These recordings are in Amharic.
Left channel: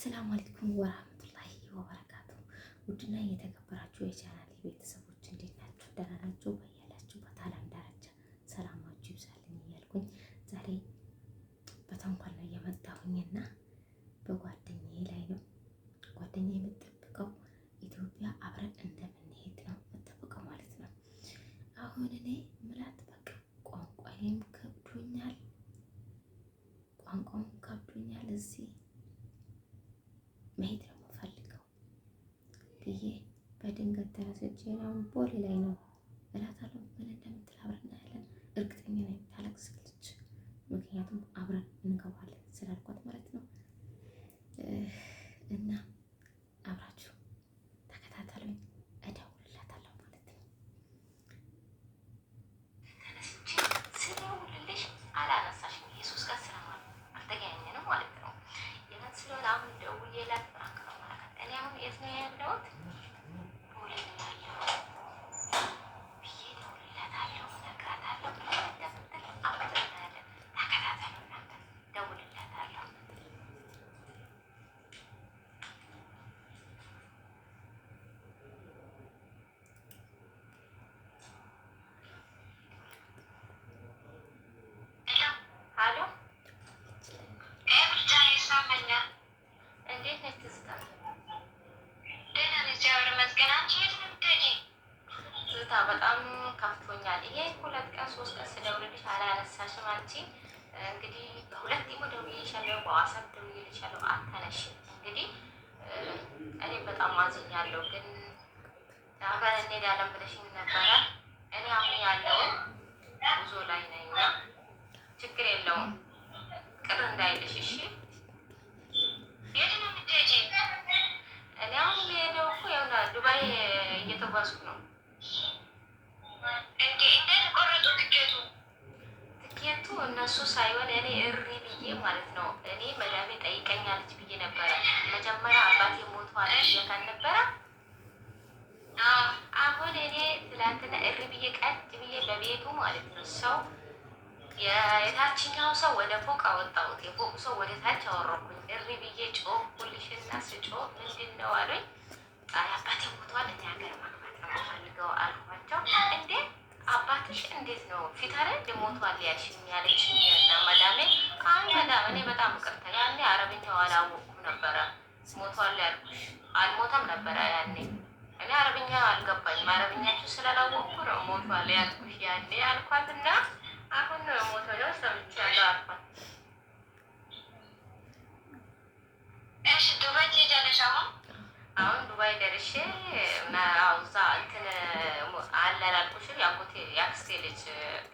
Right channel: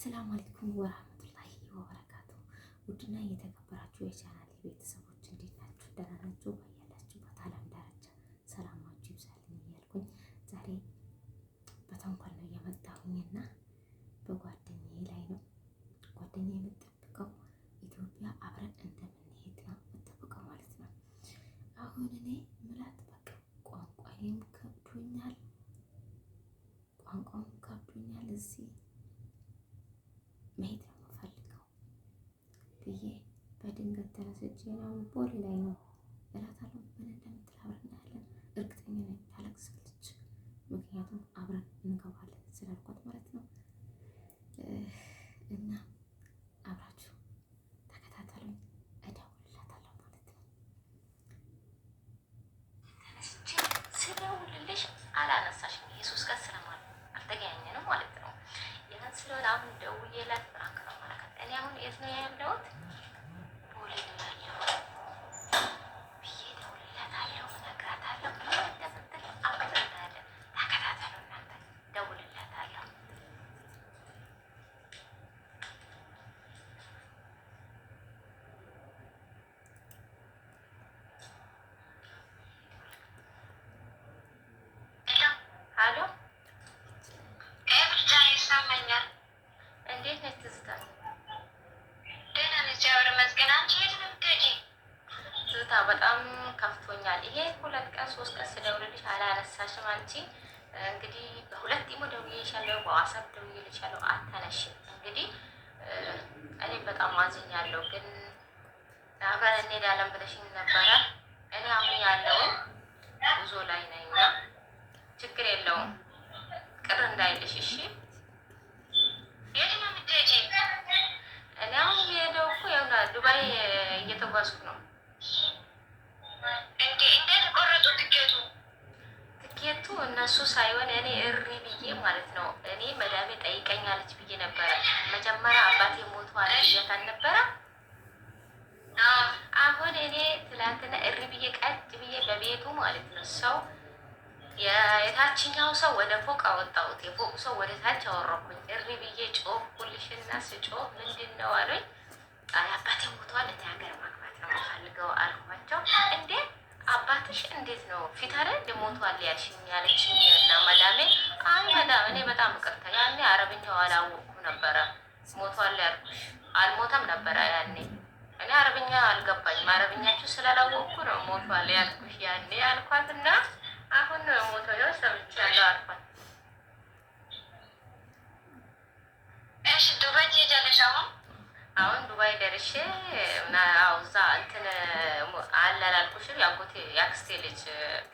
አሰላሙ አለይኩም ወራህመቱላሂ ወበረካቱ። ውድና እየተከበራችሁ የቻናል ቤተሰቦች እንዴት ናችሁ? ደህና ናችሁ? በያላችሁበት ዓለም ዳርቻ ሰላማችሁ ይብዛልኝ እያልኩኝ ዛሬ በተንኮል ነው የመጣሁኝና በጓደኛዬ ላይ ነው። ጓደኛዬ የምጠብቀው ኢትዮጵያ አብረን እንደምንሄድ ነው የምጠብቀው ማለት ነው። አሁን እኔ ምላት በቃ ቋንቋውም ከብዶኛል እዚህ መሄድ ነው የምፈልገው ብዬ በድንገት ተነስቼ ነው ቦሌ ላይ ነው እላታለሁ። ምን እንደምትል አብረን እናያለን። እርግጠኛ ነኝ ታለቅሳለች። ምክንያቱም አብረን እንገባለን ስላልኳት ማለት ነው። እና አብራችሁ ተከታተሉኝ፣ እደውልላታለሁ ማለት ነው። ተነስቼ ስደውልልሽ አላነሳሽም። የሶስት ቀን ስለሆነ አልተገናኘንም ማለት ነው። ይህን ስለሆነ አሁን ደውዬላት እኔ አሁን የት ነው ያለሁት? ቦሌ ነው ያለሁት ብዬ እደውልላታለሁ፣ እነግራታለሁ። ምን እንደምትል አብረን እናያለን። ተከታተሉ እናንተ። እደውልላታለሁ። ሄሎ፣ ብቻ ይሰማኛል። እንዴት ነች ትዝታ? ደህና ነች፣ እግዚአብሔር ይመስገን። አንቺ የት ነው የምትሄጂው? ትዝታ በጣም ከፍቶኛል። ይሄ 2 ቀን 3 ቀን ስደውልልሽ አላነሳሽም። አንቺ እንግዲህ በሁለት ኢሞ ደውዬልሻለሁ፣ በዋትስአፕ ደውዬልሻለሁ፣ አታነሽም። እንግዲህ እኔ በጣም አዝኛለሁ፣ ግን አብረን እንሄዳለን ብለሽኝ ነበረ። እኔ አሁን ያለው ጉዞ ላይ ነኝ። ችግር የለውም፣ ቅር እንዳይልሽ እሺ። የት ነው የምትሄጂው? እኔ አሁን የሄደው እኮ ያውና ዱባይ እየተጓዝኩ ነው። እንዴት ቆረጡ ትኬቱ? ትኬቱ እነሱ ሳይሆን እኔ እሪ ብዬ ማለት ነው። እኔ መዳሜ ጠይቀኛለች ብዬ ነበረ። መጀመሪያ አባቴ ሞቷል ብዬሽ ነበረ። አሁን እኔ ትላንትና እሪ ብዬ ቀጥ ብዬ በቤቱ ማለት ነው ሰው የታችኛው ሰው ወደ ፎቅ አወጣሁት፣ የፎቅ ሰው ወደ ታች አወረኩኝ። እሪ ብዬ ጮህኩልሽና ስጮህ ምንድን ነው አሉኝ። አባቴ ሞቷል፣ እኔ ሀገር ማግባት ነው የምፈልገው አልኳቸው። እንዴ አባትሽ እንዴት ነው ፊት አይደል ሞቷል ያልሽኝ ያለችኝ እና መዳሜ አይ መዳም እኔ በጣም ይቅርታ ያኔ አረብኛው አላወኩም ነበረ። ሞቷል ያልኩሽ አልሞተም ነበረ ያኔ። እኔ አረብኛ አልገባኝም፣ አረብኛችሁ ስላላወቅኩ ነው ሞቷል ያልኩሽ ያኔ አልኳትና አሁን ሞቶኛው ሰምቻለሁ አልኳት። እሺ ዱባይ ትሄጃለሽ? አሁን ዱባይ ደርሼ እና እዛ እንትን አላላልኩሽም? የአክስቴ ልጅ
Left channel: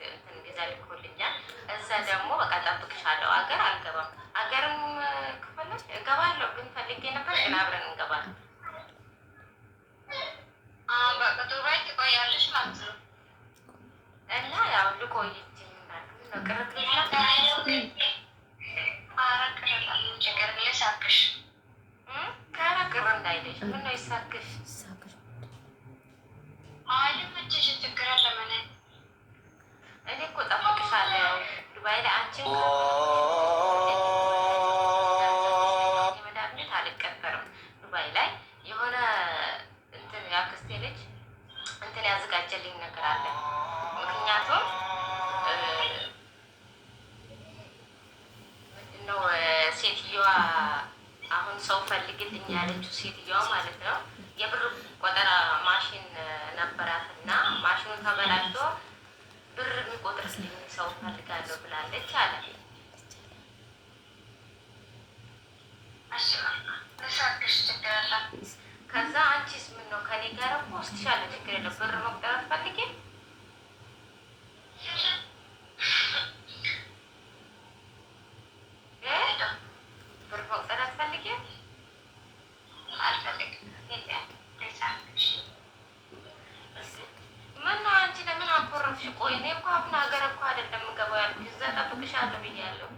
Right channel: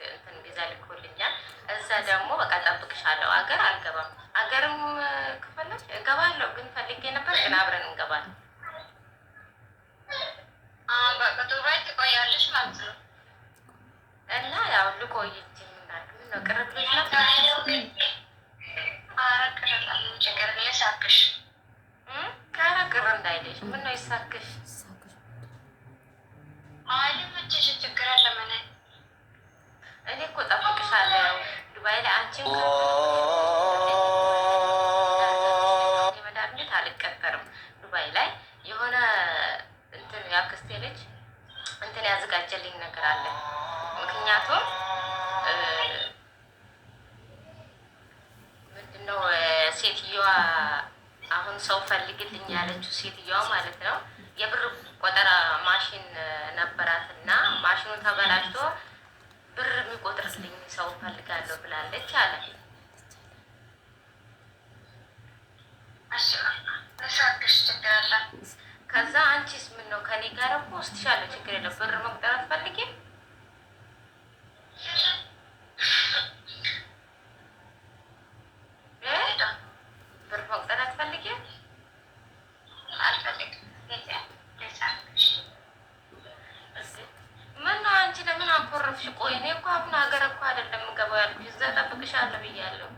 እንትን ቪዛ ልኮልኛል። እዛ ደግሞ በቃ ጠብቅሻለሁ። አገር አልገባም። አገርም ከፈለግሽ እገባለሁ፣ ግን ፈልጌ ነበር፣ ግን አብረን እንገባለን። በቃ ዱባይ ትቆያለሽ ማለት ነው? እና ያው ልቆይ ነው ቅርብ ቅር እንዳይልሽ። ምነው ይሳክሽ? ችግር አለ ምን? እኔ እኮ ጠብቅሻለሁ ዱባይ ላይ። አንቺም የመዳብነት አልቀጠርም ዱባይ ላይ የሆነ እንትን የአክስቴ ልጅ እንትን ያዘጋጀልኝ ነገር አለ። ምክንያቱም ምንድነው ሴትዮዋ አሁን ሰው ፈልግልኝ ያለችው ሴትዮዋ ማለት ነው የብር ቆጠራ ማሽን ነበራትና ማሽኑ ተበላሽቶ ብር የሚቆጥርልኝ ሰው ፈልጋለሁ ብላለች አለ። ከዛ አንቺስ ምን ነው ከኔ ጋር እኮ ወስድሻለሁ፣ ችግር የለም። ብር መቁጠር አትፈልጊም? ብር መቁጠር አትፈልጊም? ምነው አንቺ ለምን አኮረፍሽ? ቆይ እኔ እኮ አሁን ሀገር እኮ አይደለም የምገባው ያልኩሽ፣ እዛ እጠብቅሻለሁ ብያለሁ።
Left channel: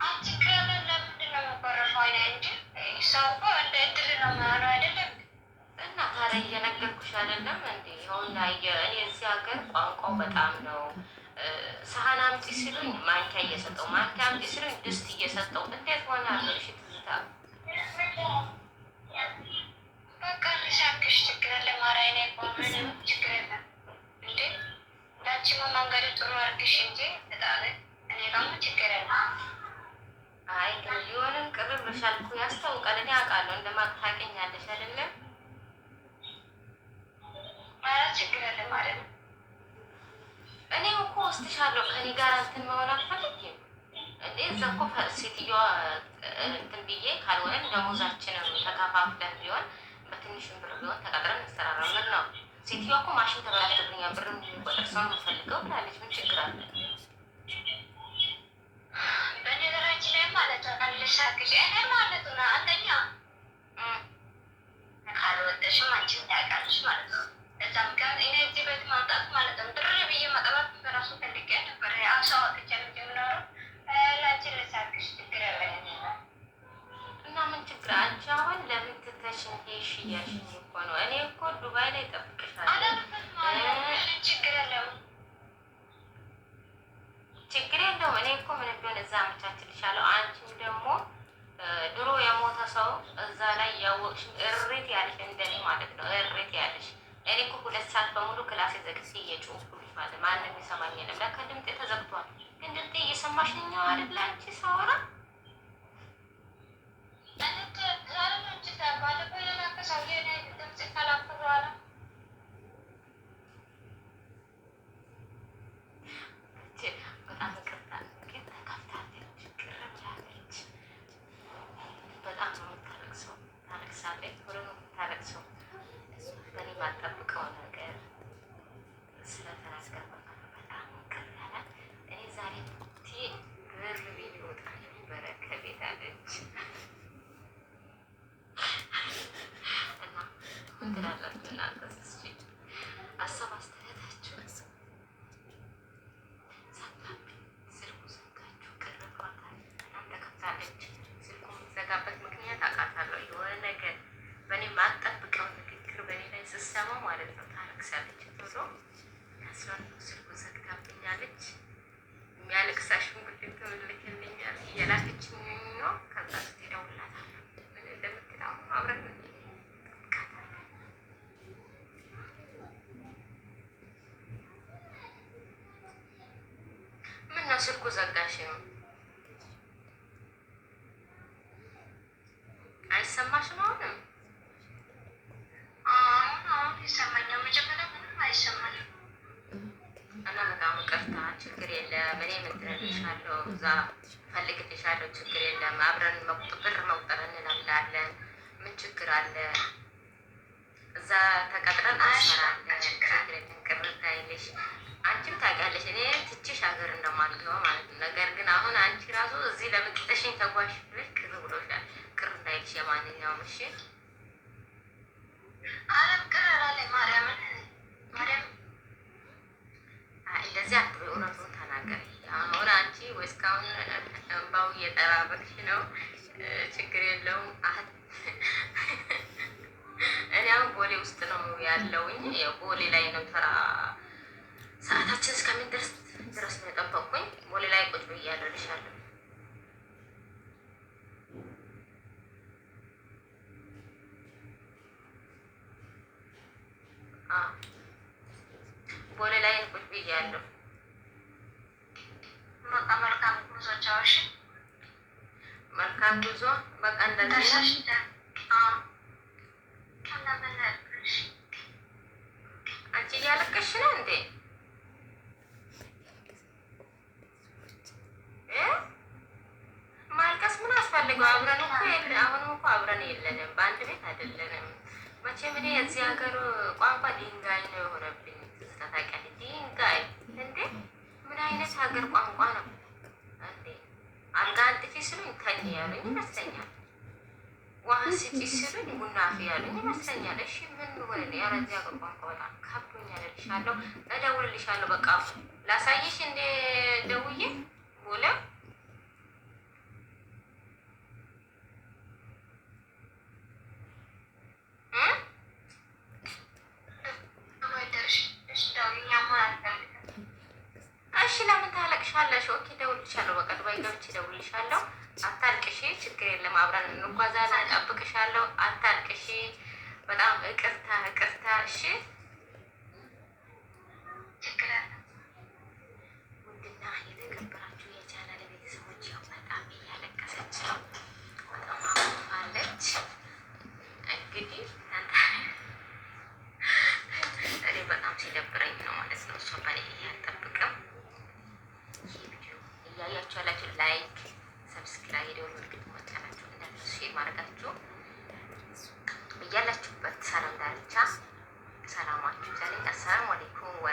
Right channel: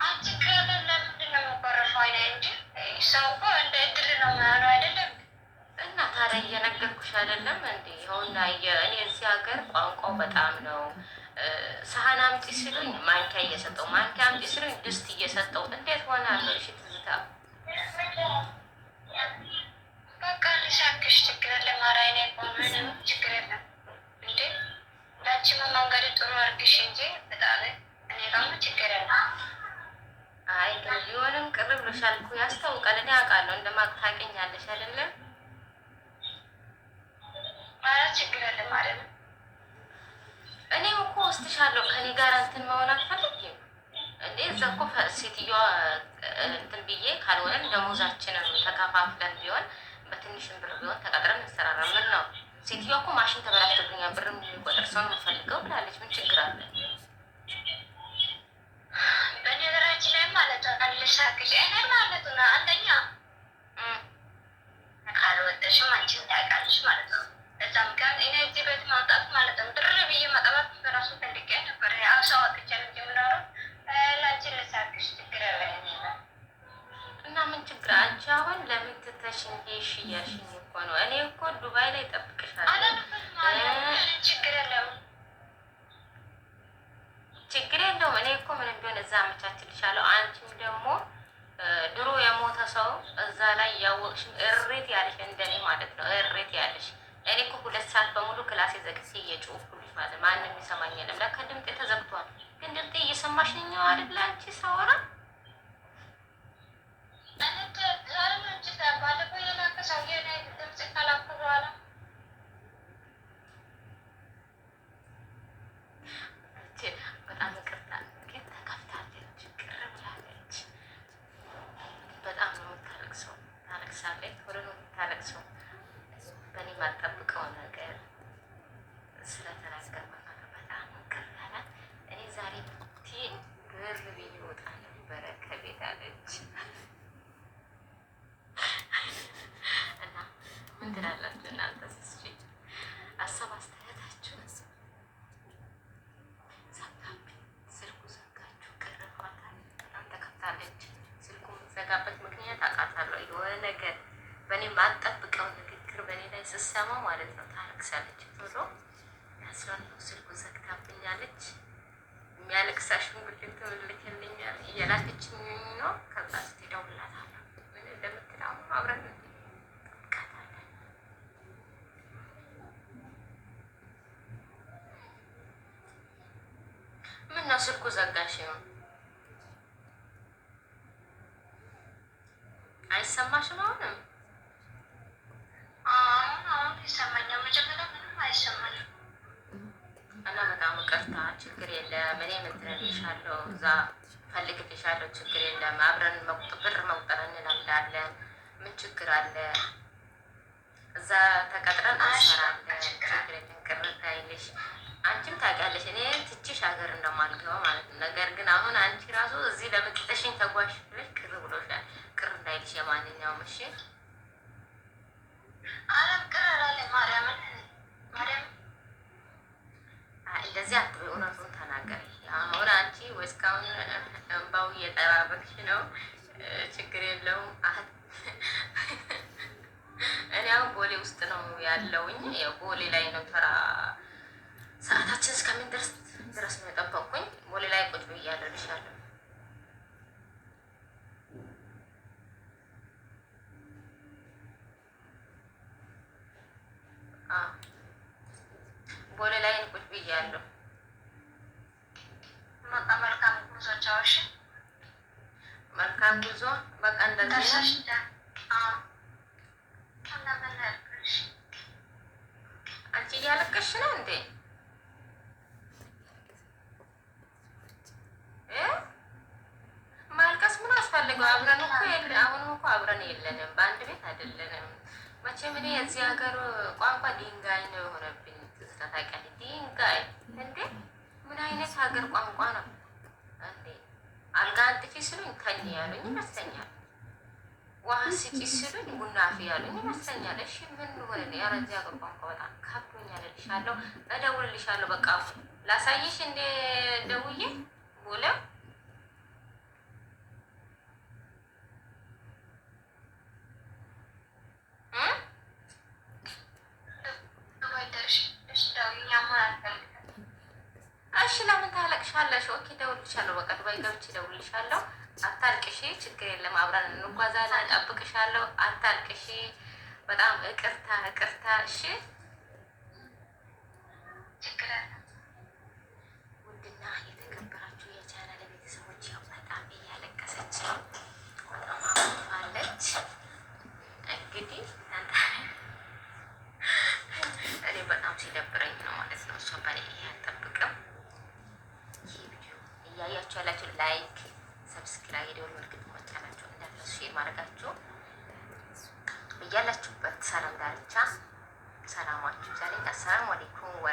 አንቺ ከምን ለምንድን ነው የምኮረፈው? እንጂ ሰው እኮ እንደ እድል ነው የሚሆነው አይደለም? እና ታዲያ እየነገርኩሽ አይደለም እንዴ? አሁን እኔ እዚህ ሀገር ቋንቋው በጣም ነው ሳህን አምጪ ሲሉኝ ማንኪያ እየሰጠው፣ ማንኪያ አምጪ ሲሉኝ ድስት እየሰጠው እንዴት ሆናለሁ? እሺ ትዝታ በቃ ልሳክሽ ችግር የለም። ኧረ እኔ ምንም ችግር የለም እንዴ ዳችማ መንገድ ጥሩ አድርግሽ እንጂ በጣም እኔ ጋር ችግር የለም። አይ ግን ቢሆንም ቅር ብሎሻል እኮ ያስታውቃል። እኔ አውቃለሁ እንደማቅ ታውቂኛለሽ አይደለም? ኧረ ችግር የለም ማለት ነው። እኔም እኮ ወስድሻለሁ ከኔ ጋር እንትን መሆን አትፈልጊም እንዴ? እዛ እኮ ሴትዮዋ እንትን ብዬ ካልሆነን ደሞዛችንን ተከፋፍለን ቢሆን በትንሽም ብር ቢሆን ተቀጥረን እንሰራራ። ምን ነው ሴትዮዋ እኮ ማሽን ተበላሽቶብኛል ብር የሚቆጥር ሰው የምፈልገው ብላለች። ምን ችግር አለ? በነገራችን ላይ ማለት ነው ልሳግጅ እኔ ማለት ነው አንደኛ ካልወደሽም አንቺን ታውቃለሽ ማለት ነው። እዛ ምክንያት እኔ እዚህ ቤት ማምጣት ማለት ነው ድር ብዬ መጠባት በራሱ ፈልጌ ነበር። ሰው አጥቻ ልጅ የምኖረው ላንቺን ልሳግሽ ችግር ያለ እና ምን ችግር አንቺ አሁን ለምን ትተሽ እንዴሽ እያልሽኝ እኮ ነው። እኔ እኮ ዱባይ ላይ እጠብቅሻለሁ። ችግር የለውም ችግር የለውም። እኔ እኮ ምንም ቢሆን እዛ አመቻችልሻለሁ። አንቺም ደግሞ ድሮ የሞተ ሰው እዛ ላይ ያወቅሽ እሬት ያለሽ እንደኔ ማለት ነው እሬት ያለሽ። እኔ እኮ 2 ሰዓት በሙሉ ክላሴ ዘግቼ እየጮህኩልሽ ማለት ማንም የሚሰማኝ የለም። ለካ ድምጤ ተዘግቷል። ግን ድምጤ እየሰማሽ ነኝ አይደል አንቺ ሳወራ በጣም ይቅርታ ግን ተከፍታለች፣ ቅር ብላለች። በጣም ነው የምታለቅሰው፣ ታለቅሳለች፣ ወደ ነው የምታለቅሰው። በእኔ ባልጠብቀው ነገር ስለተናገር በጣም ቅር ያለ። እኔ ዛሬ ብር ብዬ ወጣ ነበረ ከቤት አለች እና ምን ትላላችሁ እናንተ? እስኪ ሀሳብ አስተያየታችሁ። ዘጋብኝ፣ ስልኩ ዘጋችሁ፣ ቅር ብሏታል፣ በጣም ተከፍታለች። ስልኩ የሚዘጋበት ምክንያት አውቃታለሁ። የሆነ ነገር በእኔ ማጠብቀው ንግግር በእኔ ላይ ስሰማ ማለት ነው ታለቅሳለች ብሎ ያስባል። ስልኩ ዘግታብኛለች። የሚያለቅስ አሻንጉሊት ልክልኛል እየላከችኝ ነው። ከዛ ስ ደውላታለሁ ምን እንደምትል አሁን አብረን ምን ነው ስልኩ ዘጋሽ? አይሰማሽም? አሁንም አሁን ይሰማኛል። መጀመሪያ ምንም አይሰማኝም እና በጣም ይቅርታ። ችግር የለም። እኔ እንትን እልሻለሁ፣ እዛ ፈልግልሻለሁ። ችግር የለም። አብረን ብር መቁጠር እንለምዳለን። ምን ችግር አለ? እዛ ተቀጥረን እንሰራለን። ችግር የለም። ቅር እንዳይልሽ። አንቺም ታውቂያለሽ እኔ ትችሽ ሀገር እንደማልገባ ማለት ነው። ነገር ግን አሁን አንቺ ራሱ እዚህ ለምጥተሽኝ ተጓሽ ብለሽ ቅር ብሎሻል። ቅር እንዳይልሽ የማንኛውም እሺ። አለም ቅር አላለ ማርያምን እንደዚህ አትበይ፣ እውነቱን ተናገሪ። አሁን አንቺ ወይ እስካሁን እንባው እየጠባበቅሽ ነው። ችግር የለውም። እኔ አሁን ቦሌ ውስጥ ነው ያለውኝ። ቦሌ ላይ ነው ተራ ሰዓታችን እስከሚደርስ ድረስ ነው የጠበቅኩኝ። ቦሌ ላይ ቁጭ ብያለሁ እልሻለሁ። ቦሌ ላይ ቁጭ ብያለሁ። በቃ መልካም ጉዞ ቻውሽ። መልካም ጉዞ። በቃ እንደዚህ አንቺ እያለቀሽ ነው እንዴ? ማልቀስ ምን አስፈልገው? አብረን እኮ አሁንም እኮ አብረን የለንም፣ በአንድ ቤት አይደለንም። መቼም እኔ የዚህ ሀገር ቋንቋ ድንጋይ ነው የሆነብኝ። ትዝታ ታውቂያለሽ? ድንጋይ እንዴ! ምን አይነት ሀገር ቋንቋ ነው እንዴ? አልጋ አንጥፊ ስሉኝ ተኝ ያሉኝ ይመስለኛል። ውሃ ስጪ ስሉኝ ቡና አፍዪ ያሉኝ ይመስለኛል። እሺ ምን ሆነ? ኧረ እዚህ ሀገር ቋንቋ በጣም ከብዶኛል። እልሻለሁ፣ እደውልልሻለሁ። በቃ ላሳይሽ እንደ ደውዬ ቦሌ እሺ ታለቅሻለሽ። ኦኬ እደውልልሻለሁ። በቃ ዱባይ ገብቼ እደውልልሻለሁ። አታልቅሺ፣ ችግር የለም አብረን እንጓዛለን። እጠብቅሻለሁ። አታልቅሺ። በጣም ይቅርታ ይቅርታ። እሺ ውድና የተከበራችሁ የቻናል ቤተሰቦች ያው በጣም እያለቀሰች በጣም አለች። እንግዲህ እኔ በጣም ሲደብረኝ ነው ማለት ነው። እሷ በኔ አልጠብቅም። ይህ ቪዲዮ እያያችሁ ያላችሁ ላይክ፣ ሰብስክራይብ፣ የደወል ምልክት መጫናችሁ እንዳትረሱ፣ ሼር ማድረጋችሁ እያላችሁበት ሰላም ዳርቻ ሰላማችሁ ዛሬ። አሰላሙ አለይኩም ወ